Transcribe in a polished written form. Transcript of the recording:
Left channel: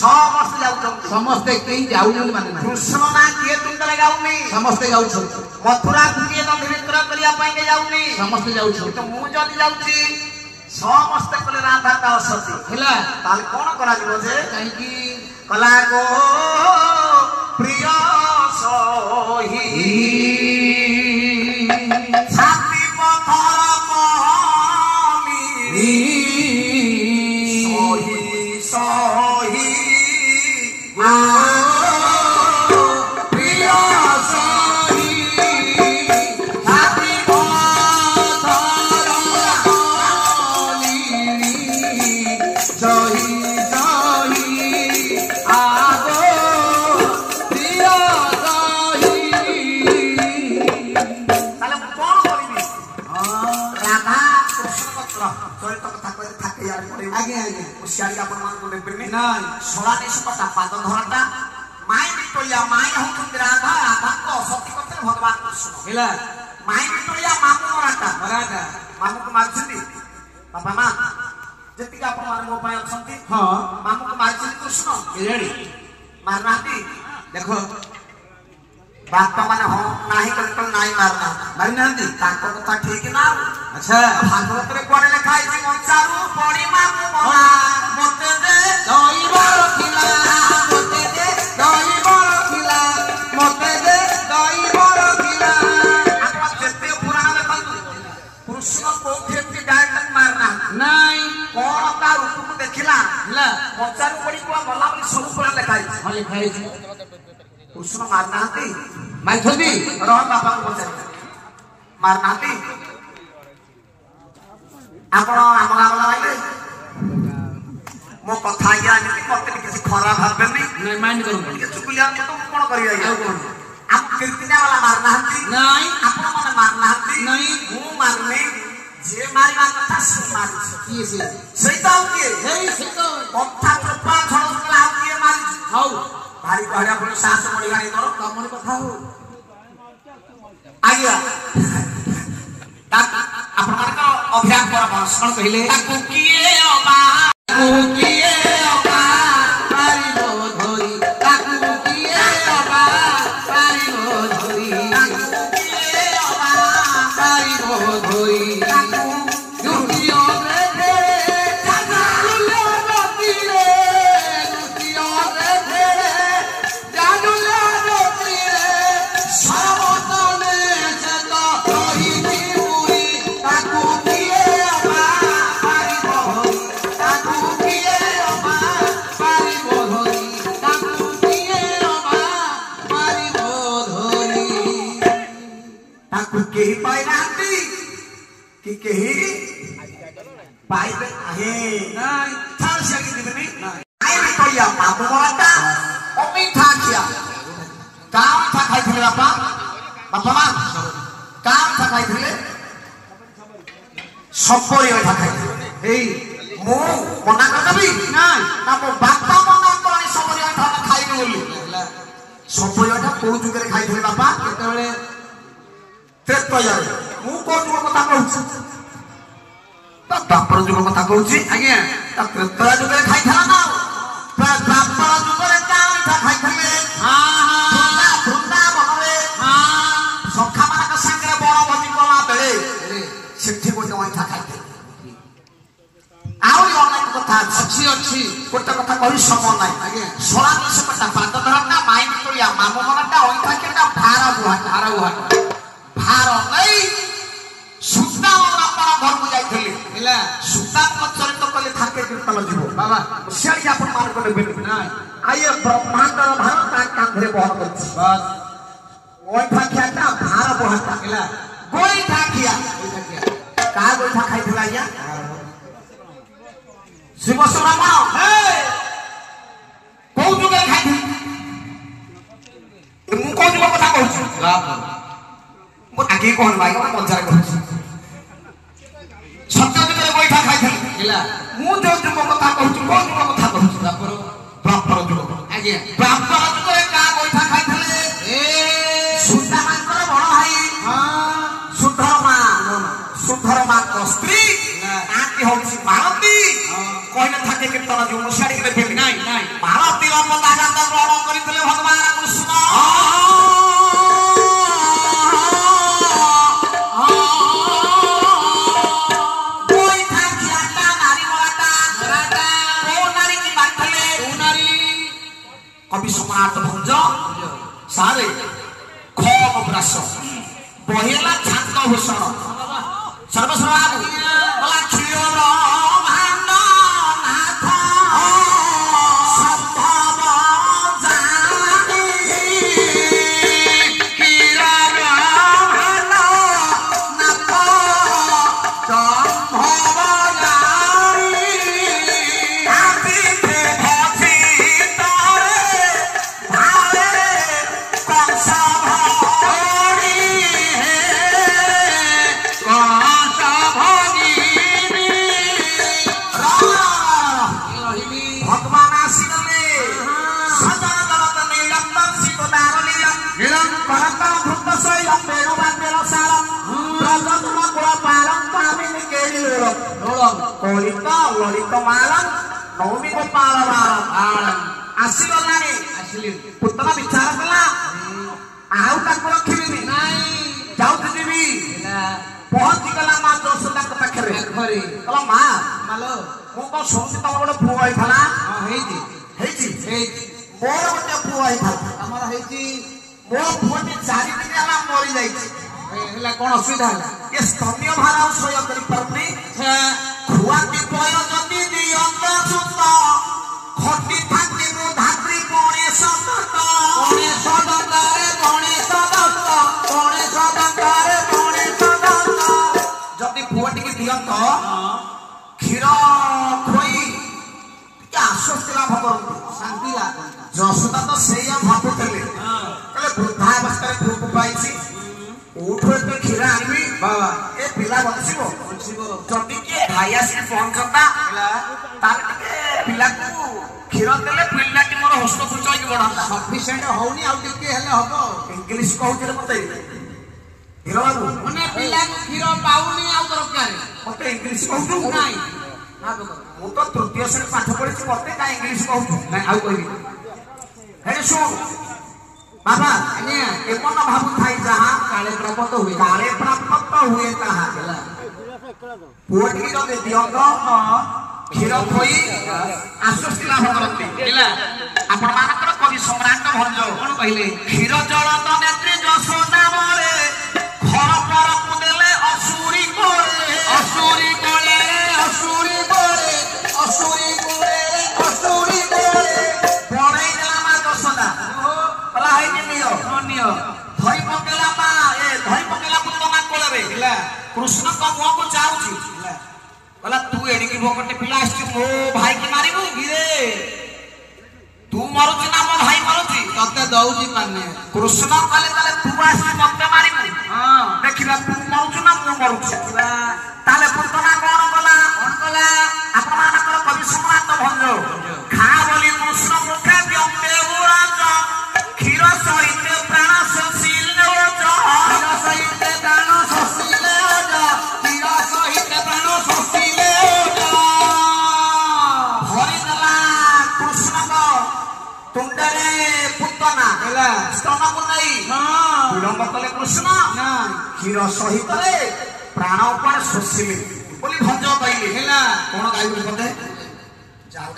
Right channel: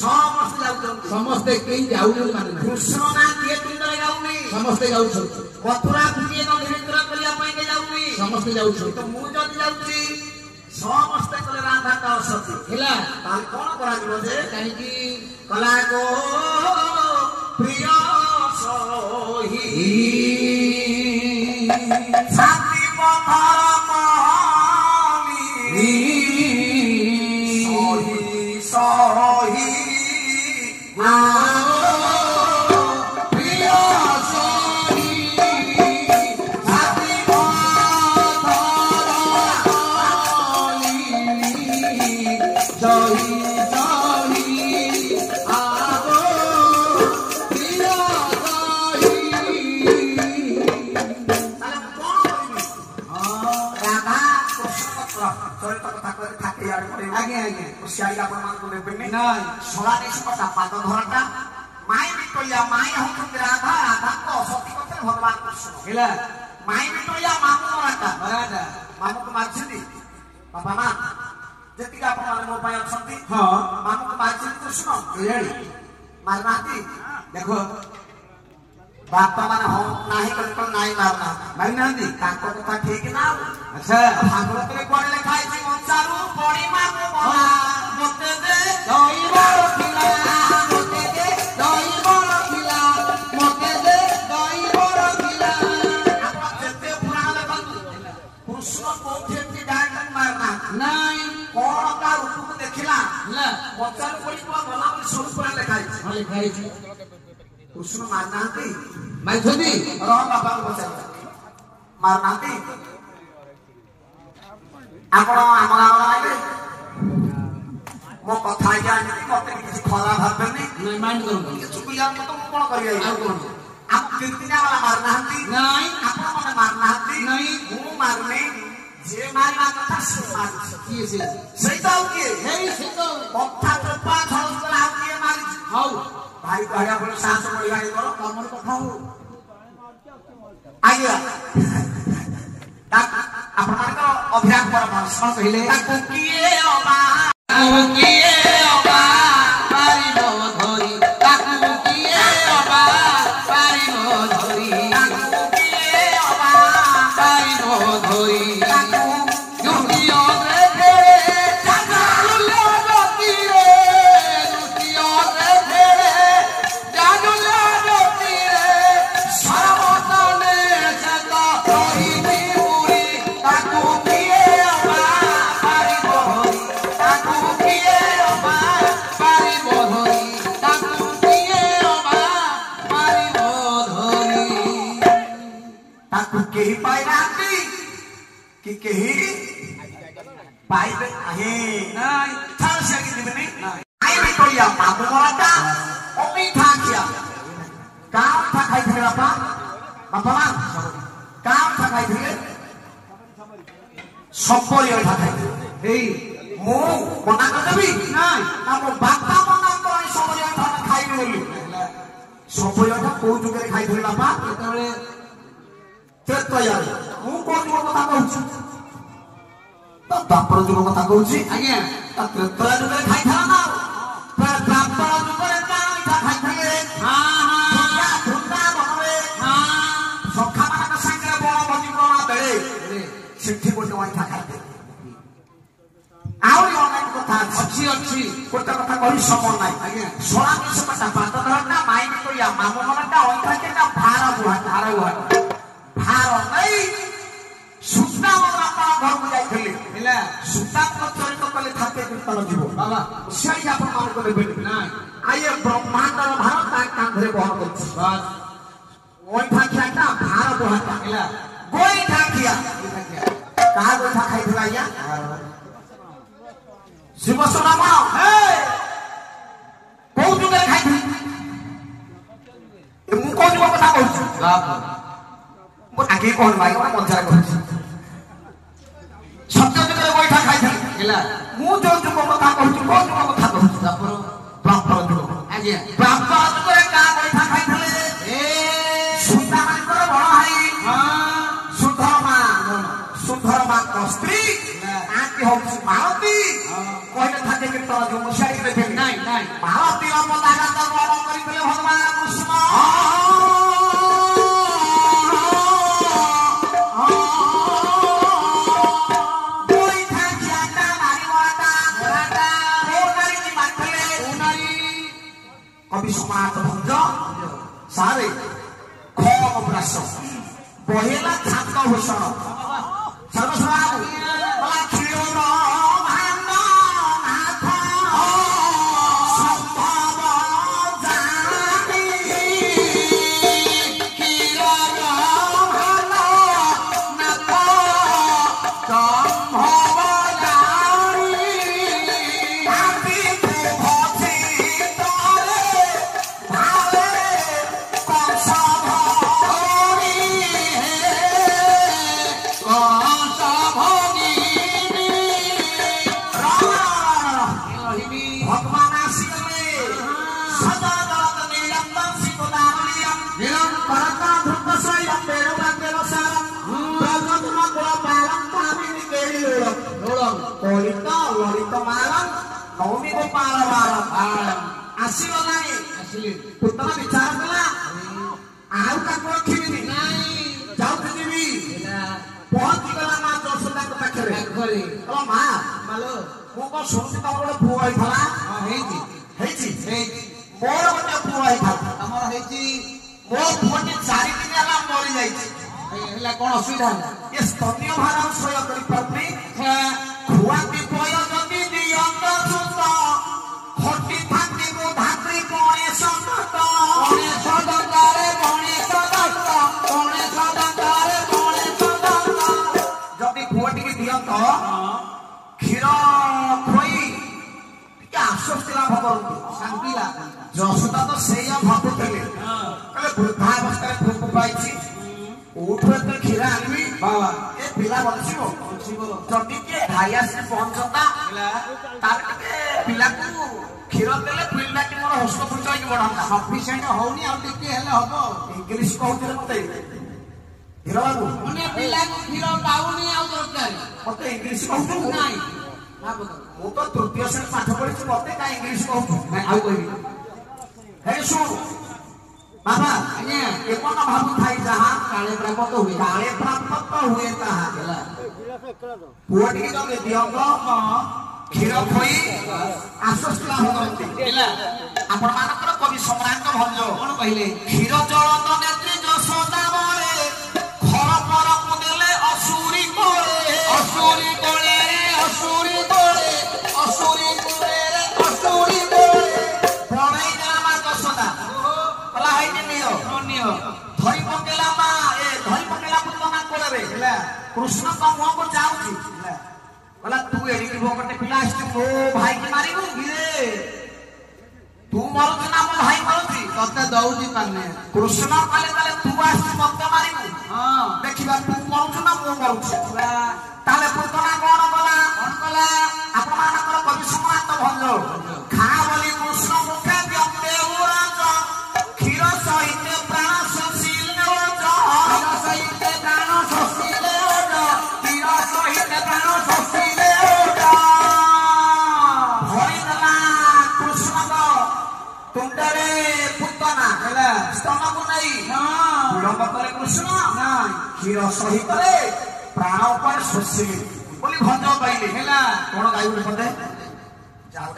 समस्त जाउछन समस्त केही जाउछन माने ना कृष्ण ना किए तुंदले गाउनी समस्त जाउछन मथुरा किए तो निमित्र करिया पाई के जाउनी समस्त जाउछन तो मु जदी जाउची समस्त कले राधा का असती हेला ताल कोन करा दिलो जे काहे की कला गो प्रिय सोही छाती पथर पानी सोही सोही भगवान कृष्ण माई विक्टोरिया मामू मराठा मामू को मारछंती बापा मां जति आपण माने मो पय अछंती हां मामू को मारछंती कृष्ण केजाडी मारनाती देखो बापा माने हो नाही कल नाही मारना मारनाती ताको कथा ठीक ना अच्छा भागवत रे कोने लिखा है जे मंचारू पड़ी मामू मोला मते दे दई बार खिला मते दे दई बार खिला मते दे दई बार खिला आपण जते पुराण देखंतु कृष्ण को फेंटी डायरेक्ट मारना नहीं कोन का रूप को देखिला ना मंचारू पड़ी को मला बली सब पुराण लिखा है हां लिखा है कृष्ण मारनाती मारथदी रह बाबा को पचार मारनाती आपण आम गाम आइले मो कथा या मते किसी खराब भाबनी नहीं माइंड करू चुकुलिया तो कोन करी आ कोन आप कीर्तिना वाला मारनाती नहीं आपण माने मारनाती नहीं मु मारने जे मारिबा कथा से मारि की से सही तो के हे सही तो कथा कृपा खण कला के मारि हाउ भारी कहया पुणी साहस मणि गाड़ी करो कमन कथा हो आगिया आपण माने को अभ्यास पर भाषण कहिले ताकू किए अबा पारी नो धोरी ताकू किए अबा पारी नो धोरी ताकू किए अबा पारी नो धोरी ताकू जुटियो रे रे जानु ले रोती रे जुटियो रे रे जानु ले रोती रे सर्वतने जता रही पूरी ताकू किए अबा पारी धोरी ताकू किए अबा पारी धोरी ताकू किए अबा पारी धोरी ताकू केही पाई नाती कि केही पाइबे आहे नाही थाल से कि दिबनी नाही आई भी कहिया मामू मराठा अमिठा किया काम था खाई थे बापा बापा मां काम था खाई थे सबरी ओठा खाई एई मु मना कर देबी नाही ना मो बापा मना करनी सबरी ओठा खाइबे बोली सबरी ओठा को जुगरे खाई थे बापा केतबेले तेतया मु को जुग कथा कहू बापर जुग कथा कहूची आज्ञा त्रेतया जुग खाई था ना बापर जुग रे का खाई थले हां हां भुंदा बहरे हां सखा मानक संगे बड़ भोजी कोला बेले सेठी गोटे वाइठा खाई थे आउरी अनेक कथा अछि अछि गोटे कथा कहि सम नाही आज्ञा 16 से पटा पात धरना माई तोलिया मामू मनटा ओइठा केटा भार बुहा भार नहीं सुता बापा घर को जाइथले हेला सुता चरित कले थाके कीर्तन जीव बाबा सियाई आपण मान को देबे नाही आये ब्रह्मांडर भार का कांधरे बहन करछि बस ओइठा खियाटा भार बहाटा हेला गोइठा खिया का गोइठा खाइथला या शिव ब्राह्मण हे को जुगे खाइथि मु को जुग कथा कहछु बाप मो आगे कोन भाई का मजार कहछु सत्य जुगे बैठा खाइ हेला मु जो जुग कथा कहछु को जुग कथा कहछु बापर जुग आगे बापर जुगे का बैठा खाइ थले ए सुता मानकर बड़ भाई हां सुधर्मा को स्त्री आके होछि मालती कहले थाके कीर्तन जो मुसारी के देबे नाही नाही मालती कवि सम्राट भंज सारे खम ब्रास बहेला छात भूषण सर्वस्व ललित मालम नवमी गोपाल आसगला पुतना विचार कला आउ रखी जाऊी पहुंची गला माँ यशोदा पाखे माँ मालो मुझे शुणुची तुम गोटे पुआ मोर गोटे पुआ मो पुटी 4 दिन है मरी जाइए कौन असुविधा ये स्तनीय भार सह्य कर खुआ विपय जदि दियंत सुत खटी थाकी धात्री गणेश दत्त जदि पुअटी की दियंत क्षीर खोई आश्वस्ति लाभ करते शांति यशोदा तो से भावुले कहले वृद्धावस्था पुक पाई उठो एत क्षीर आनबी बाबा ए पिला बंचो जदि किए भाई आसिक पहुंचता पिला क्षीर देले पिलाटी मोर हस्तपुच बढ़ता सफिसीयंट होनी हम इंग्लीश कहते मत हीर बाबू मैंने पिला क्षीर पाऊनी दरकार मत इंग्लीश कहू ना मु तो तृतीय श्रेणी पाठ पढ़ी मत क्या इंग्लीश कहू शुण बाबा एपन भावु थाई जहाँ काले प्राप्त हुए ताहा पुअटी जदि दियंत क्षीर खोई आश्वस्ति लाभ करते आपण मानकर कवि सम्राट भंज कौन कहले क्षीर जल नेत्री यशोदा बरे घर पर कुदेले असुरी कोले असुरी कोले असुरी कोले असुरी कोले असुरी कोले पड़े गला माँ यशोदा कला है नियो धई पकेला माँ ए धई पकेला पुतना कोले कृष्ण का मुह को चाहूची कहला तू एडिकी भोकटे पिला आसी मो भाई की मारिबू गिरे तू मरुची ना मो भाई मरुची तते दउची माने कृष्ण कहले कहले तू आसी मते मारिबू हां देखिबा तू मरुची ना मो मरुची देखिबा ताले पुतना कोन कला आपण मानकर कवि सम्राट भंज खा बोली कृष्ण मुखे व्यक्ते उराज क्षीर सहित प्राण सुशील ओज क्षीर सहित प्राण सुशील ओज क्षीर सहित प्राण सुशील ओज भरिदेला कृष्ण को तुंडरे पुतना स्तन को नहीं विलंब कले कृष्ण क्षीर सहित प्राण ऊपर सुशील बोली भंज कहले कौन गाई बोलते जाओ